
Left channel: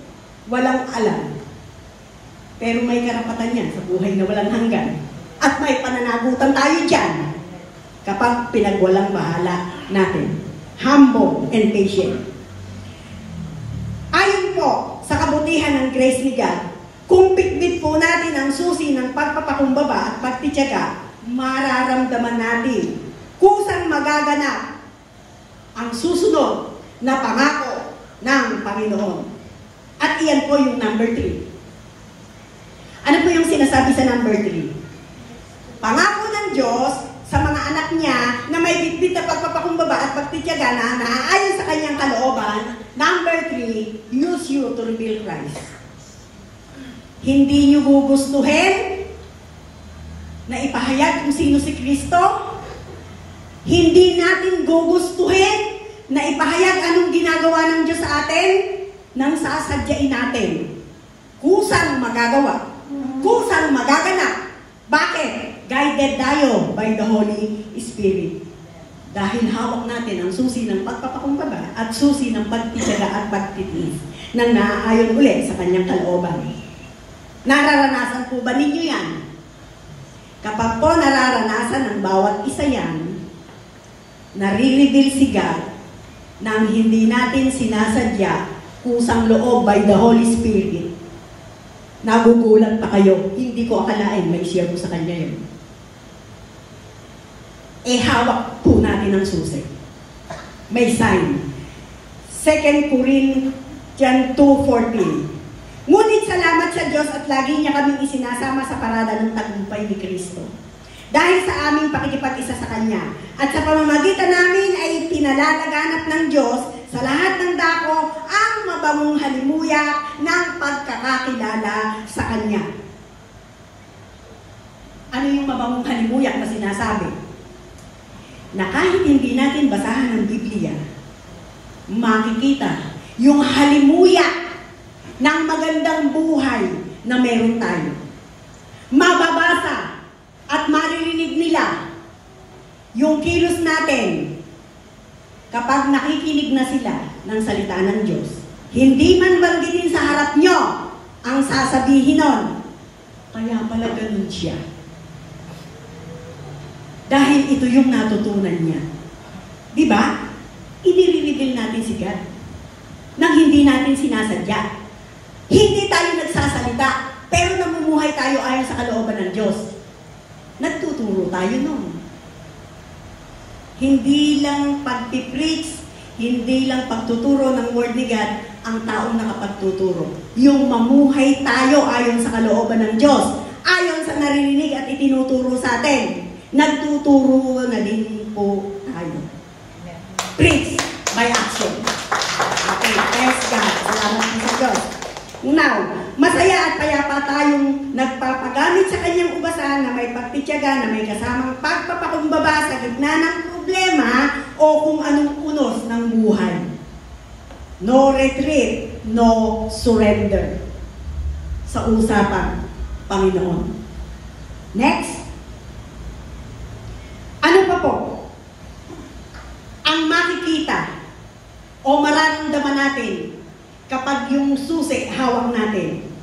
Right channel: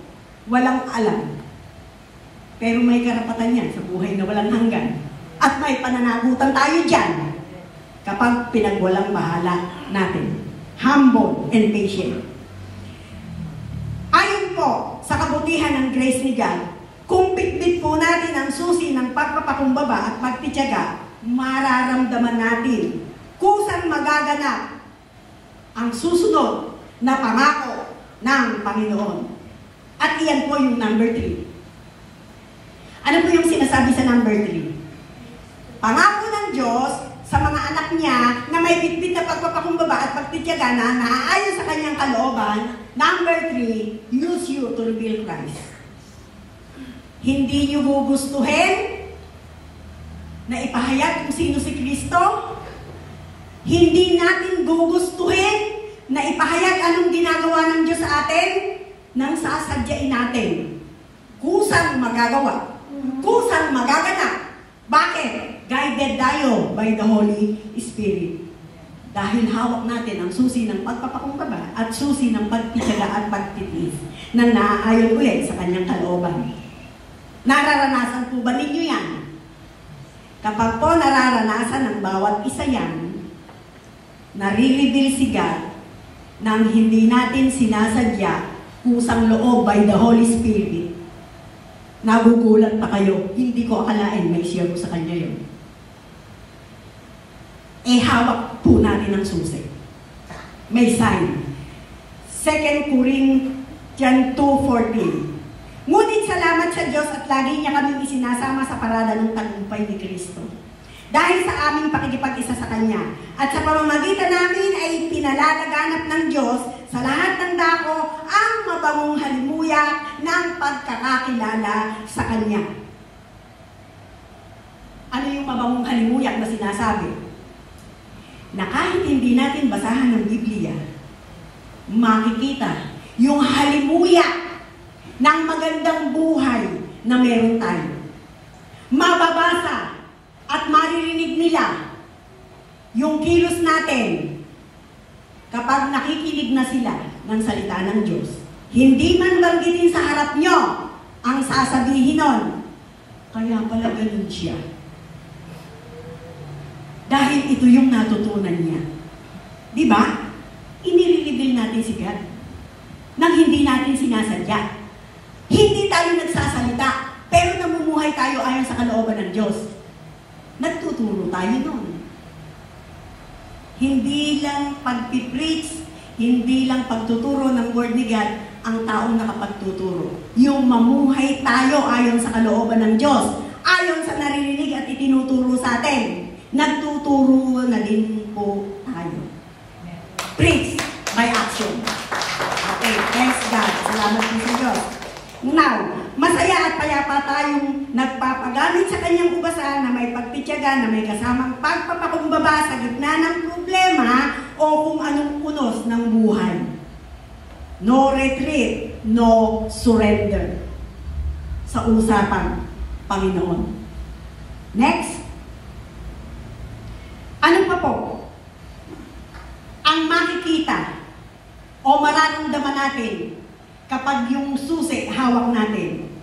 walang alam. Pero may karapatan yan sa buhay na walang hanggan. At may pananagutan tayo dyan kapag pinagwalang bahala natin. Humble and patient. Ayon po sa kabutihan ng grace ni God, kung bitbit po natin ang susi ng pagpapakumbaba at pagtitiyaga, mararamdaman natin kung saan magaganap ang susunod na pangako ng Panginoon. At iyan po yung number 3. Ano po yung sinasabi sa number 3? Pangako ng Diyos sa mga anak niya na may bitbit na pagpapakumbaba at pagtitiyaga na naayon sa kanyang kalooban. Number 3, use you to reveal Christ. Hindi niyo gugustuhin na ipahayag kung sino si Kristo. Hindi natin gugustuhin na ipahayag anong ginagawa ng Diyos sa atin nang sasadyain natin. Kusang magagawa. Kusang magaganap. Bakit? Guided tayo by the Holy Spirit. Dahil hawak natin ang susi ng pagpapakumbaba at susi ng pagtitiyaga at pagtitiis na naaayon ulit sa kanyang kalooban. Nararanasan po ba ninyo yan? Kapag po nararanasan ng bawat isa yan, nare-reveal si God nang hindi natin sinasadya kusang loob by the Holy Spirit. Nagugulat pa kayo, hindi ko akalain may share ko sa kanya yun. Hawak po natin ang susi. May sign. 2 Corinthians 2:14. Ngunit salamat sa Diyos at lagi niya kaming isinasama sa parada ng tagumpay ni Kristo. Dahil sa aming pakikipag-isa sa Kanya at sa pamamagitan namin ay pinalalaganap ng Diyos sa lahat ng dako ang mabangong halimuyak ng pagkakakilala sa Kanya. Ano yung mabangong halimuyak na sinasabi? Na kahit hindi natin basahan ng Biblia, makikita yung halimuyak ng magandang buhay na meron tayo. Mababasa at maririnig nila yung kilos natin kapag nakikinig na sila ng salita ng Diyos. Hindi man banggitin sa harap nyo ang sasabihin nun. Kaya pala ganun siya. Dahil ito yung natutunan niya. Di ba? Inire-reveal natin si God nang hindi natin sinasadya. Hindi tayo nagsasalita, pero namumuhay tayo ayon sa kalooban ng Diyos. Nagtuturo tayo nun. Hindi lang pagpipreach, hindi lang pagtuturo ng Word ni God ang taong nakapagtuturo. Yung mamuhay tayo ayon sa kalooban ng Diyos, ayon sa naririnig at itinuturo sa atin. Nagtuturo na din po tayo. Preach by action. Okay, thanks God. Salamat sa Diyos. Now, masaya at payapa tayong nagpapagamit sa kanyang ugasan na may pagtitiyaga, na may kasamang pagpapakumbaba sa gitna ng problema o kung anong unos ng buhay. No retreat, no surrender sa usapang Panginoon. Next. Ano pa po? Ang makikita o mararamdaman natin kapag yung susi hawak natin.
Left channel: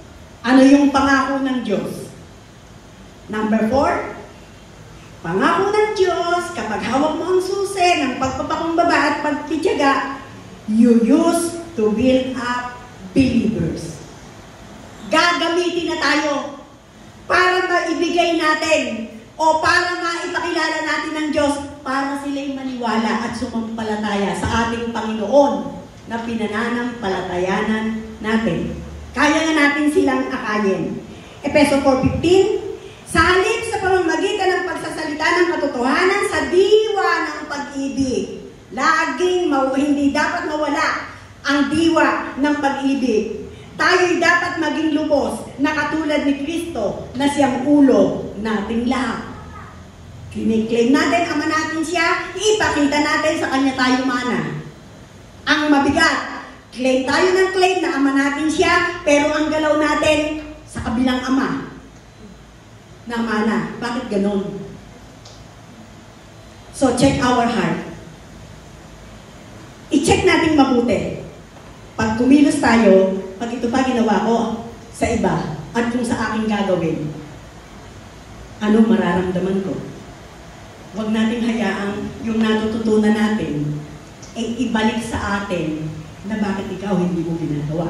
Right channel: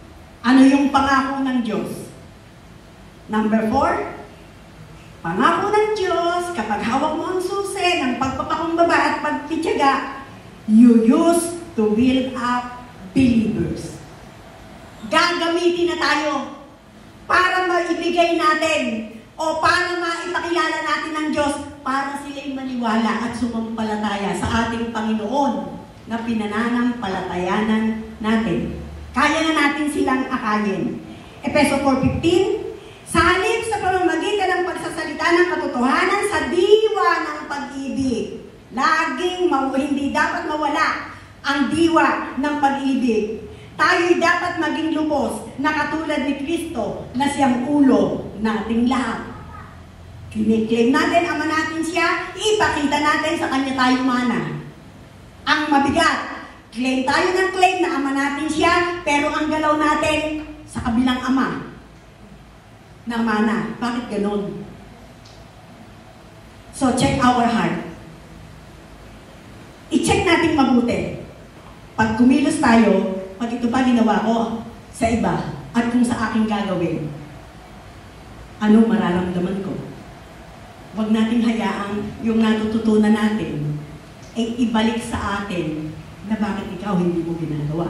Ano yung pangako ng Diyos? Number 4, Pangako ng Diyos, kapag hawak mo ang susi ng pagpapakumbaba at pagtitiyaga, you use to build up believers. Gagamitin na tayo para maibigay natin o para maipakilala natin ng Diyos para sila'y maniwala at sumampalataya sa ating Panginoon na pinananampalatayanan natin. Kaya na natin silang akayin. Efeso 4:15, sa halip sa pamamagitan ng pagsasalita ng katotohanan sa diwa ng pag-ibig. Laging hindi dapat mawala ang diwa ng pag-ibig. Tayo'y dapat maging lubos na katulad ni Kristo na siyang ulo nating lahat. Kiniklaim natin, ama natin siya, ipakita natin sa kanya tayo mana. Ang mabigat, claim tayo ng claim na ama natin siya, pero ang galaw natin sa kabilang ama na mana. Bakit ganun? So, check our heart. I-check natin mabuti. Pag kumilos tayo, pag ito pa ginawa ko sa iba at kung sa aking gagawin, ano mararamdaman ko? Huwag natin hayaan yung natututunan natin ay ibalik sa atin na bakit ikaw hindi mo ginagawa.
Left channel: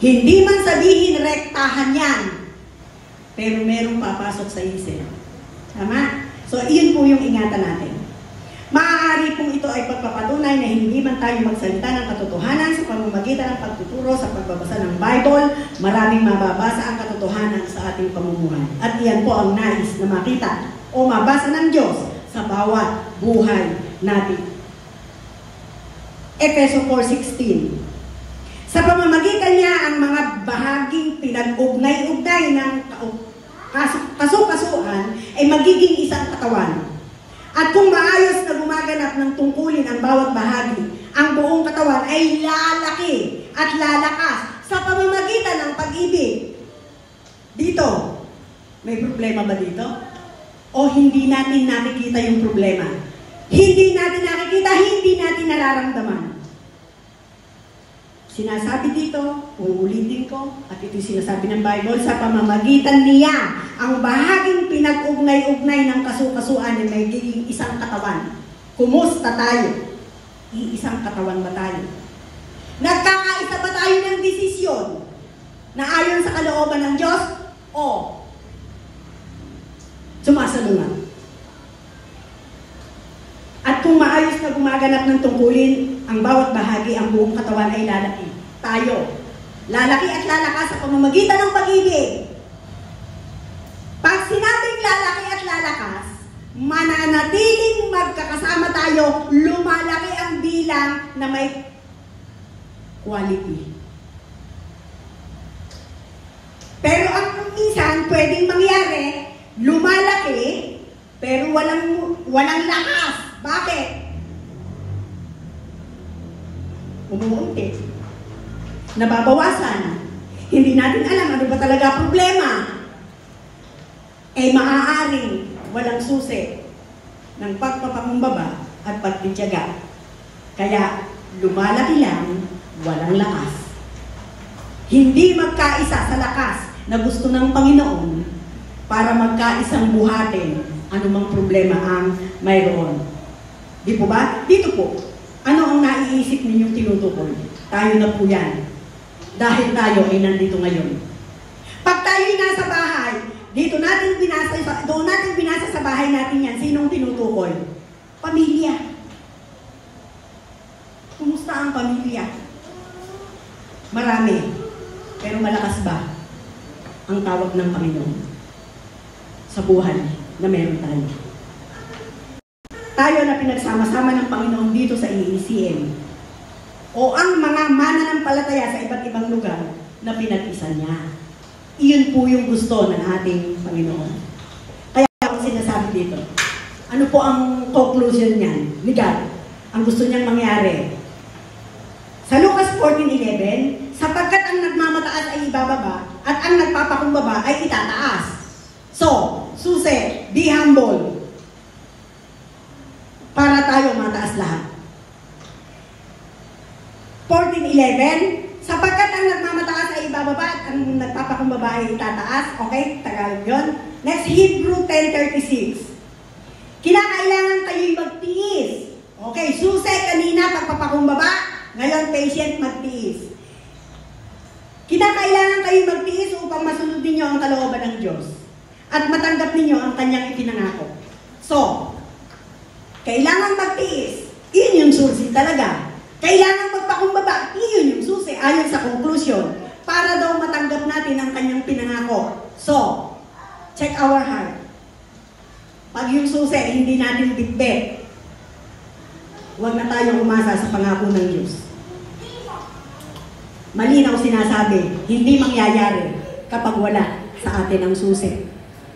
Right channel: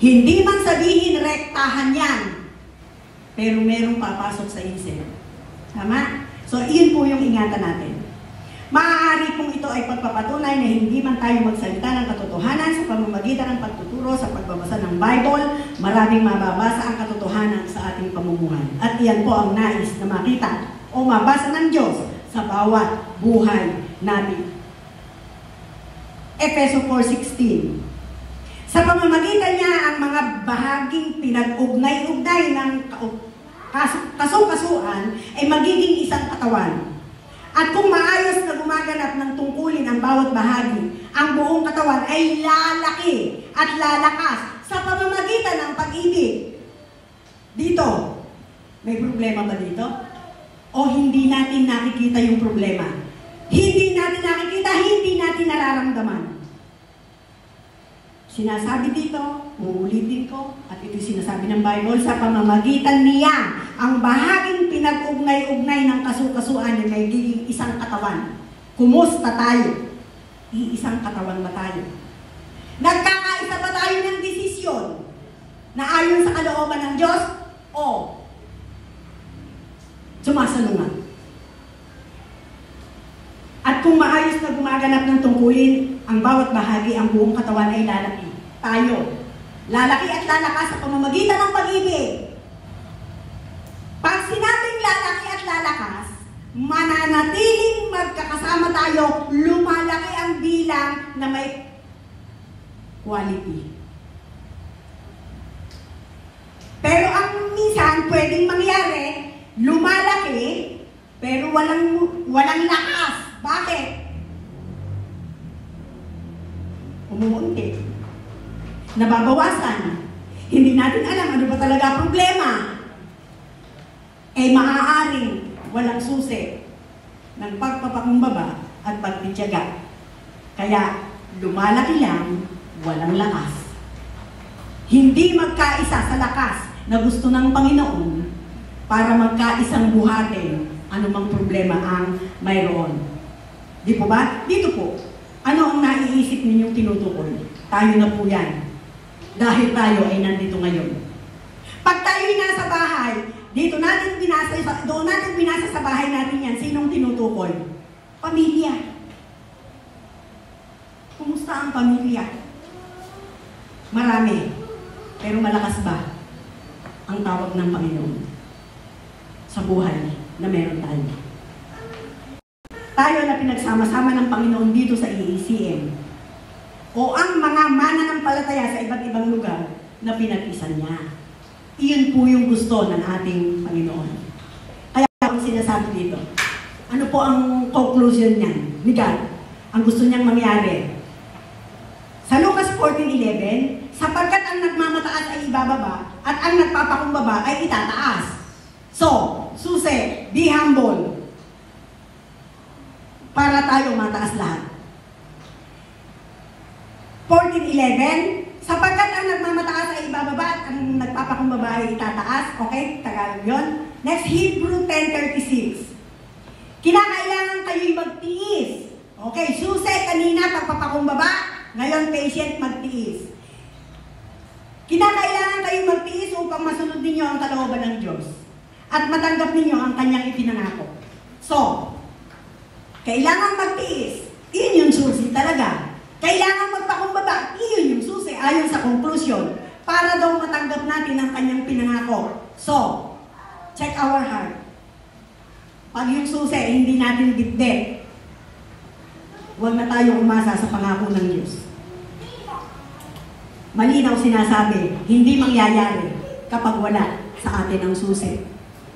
Hindi man sabihin rektahan yan, pero merong papasok sa isip. Tama? So, iyon po yung ingatan natin. Maaari kung ito ay pagpapatunay na hindi man tayo magsalita ng katotohanan sa pamamagitan ng pagtuturo sa pagbabasa ng Bible, maraming mababasa ang katotohanan sa ating pamumuhay. At iyan po ang nais na makita o mabasa ng Diyos sa bawat buhay natin. Efeso 4:16. Sa pamamagitan niya ang mga bahaging pinag-ugnay-ugnay ng kasu-kasuan ay magiging isang katawan. At kung maayos na gumaganap ng tungkulin ang bawat bahagi, ang buong katawan ay lalaki at lalakas sa pamamagitan ng pag-ibig. Dito, may problema ba dito? O hindi natin nakikita yung problema? Hindi natin nakikita, hindi natin nararamdaman. Sinasabi dito, uulitin ko, at ito sinasabi ng Bible, sa pamamagitan niya, ang bahaging pinag-ugnay-ugnay ng kasu-kasuan ay magiging isang katawan. Kumusta tayo? Iisang katawan ba tayo? Nagkakaisa ba tayo ng desisyon na ayon sa kalooban ng Diyos? O sumasalungat? At kung maayos na gumaganap ng tungkulin, ang bawat bahagi, ang buong katawan ay lalaki. Tayo, lalaki at lalakas sa pamamagitan ng pag-ibig. Pag sinabing lalaki at lalakas, mananatiling magkakasama tayo, lumalaki ang bilang na may quality. Pero ang minsan pwedeng mangyari, lumalaki, pero walang lakas. Bakit? Umuunti. Nababawasan. Hindi natin alam ano ba talaga problema. Maaaring walang susi ng pagpapakumbaba at pagtitiyaga. Kaya lumalaki lang, walang lakas. Hindi magkaisa sa lakas na gusto ng Panginoon para magkaisang buhatin anumang problema ang mayroon. Di po ba? Dito po. Ano ang naiisip ninyo tinutukoy? Tayo na po yan. Dahil tayo ay nandito ngayon. Pag tayo nasa bahay, doon natin binasa sa bahay natin yan, sinong tinutukoy? Pamilya. Kumusta ang pamilya? Marami. Pero malakas ba ang tawag ng Panginoon sa buhay na meron tayo? Tayo na pinagsama-sama ng Panginoon dito sa EACM o ang mga mananampalataya sa iba't ibang lugar na pinag-isa niya. Iyon po yung gusto ng ating Panginoon. Kaya ako sinasabi dito, ano po ang conclusion niyan? Ni God, ang gusto niyang mangyari. Sa Lucas 14:11, sapagkat ang nagmamataas ay ibababa at ang nagpapakumbaba ay itataas. So, susi, be humble. Para tayo mataas lahat. 14:11, sapagkat ang nagmamataas ay ibababa at ang nagpapakumbaba ay itataas. Okay? Tagalog yun. Next, Hebrew 10:36. So, kailangan magtiis. Iyon yung susi talaga. Kailangan magpakumbaba. Iyon yung susi ayon sa conclusion. Para daw matanggap natin ang kanyang pinangako. So, check our heart. Pag yung susi, hindi natin bitbit. Huwag na tayong umasa sa pangako ng Diyos. Malinaw sinasabi, hindi mangyayari kapag wala sa atin ang susi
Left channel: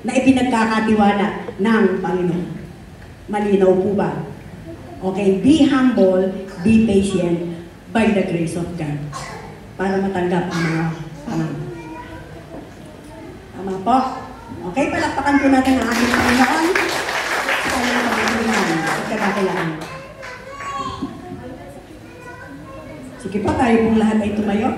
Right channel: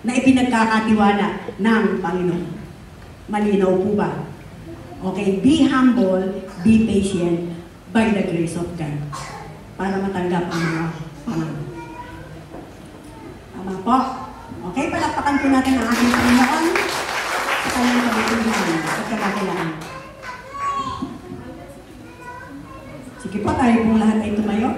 na ipinagkakatiwala ng Panginoon. Malinaw po ba? Okay, be humble, be patient by the grace of God para matanggap ang mga pangako. Tama po? Okay, palakpakan po natin ang ating Panginoon sa kanyang pagkakulihan at kakakilaan. Sige po, tayo pong lahat ay tumayo.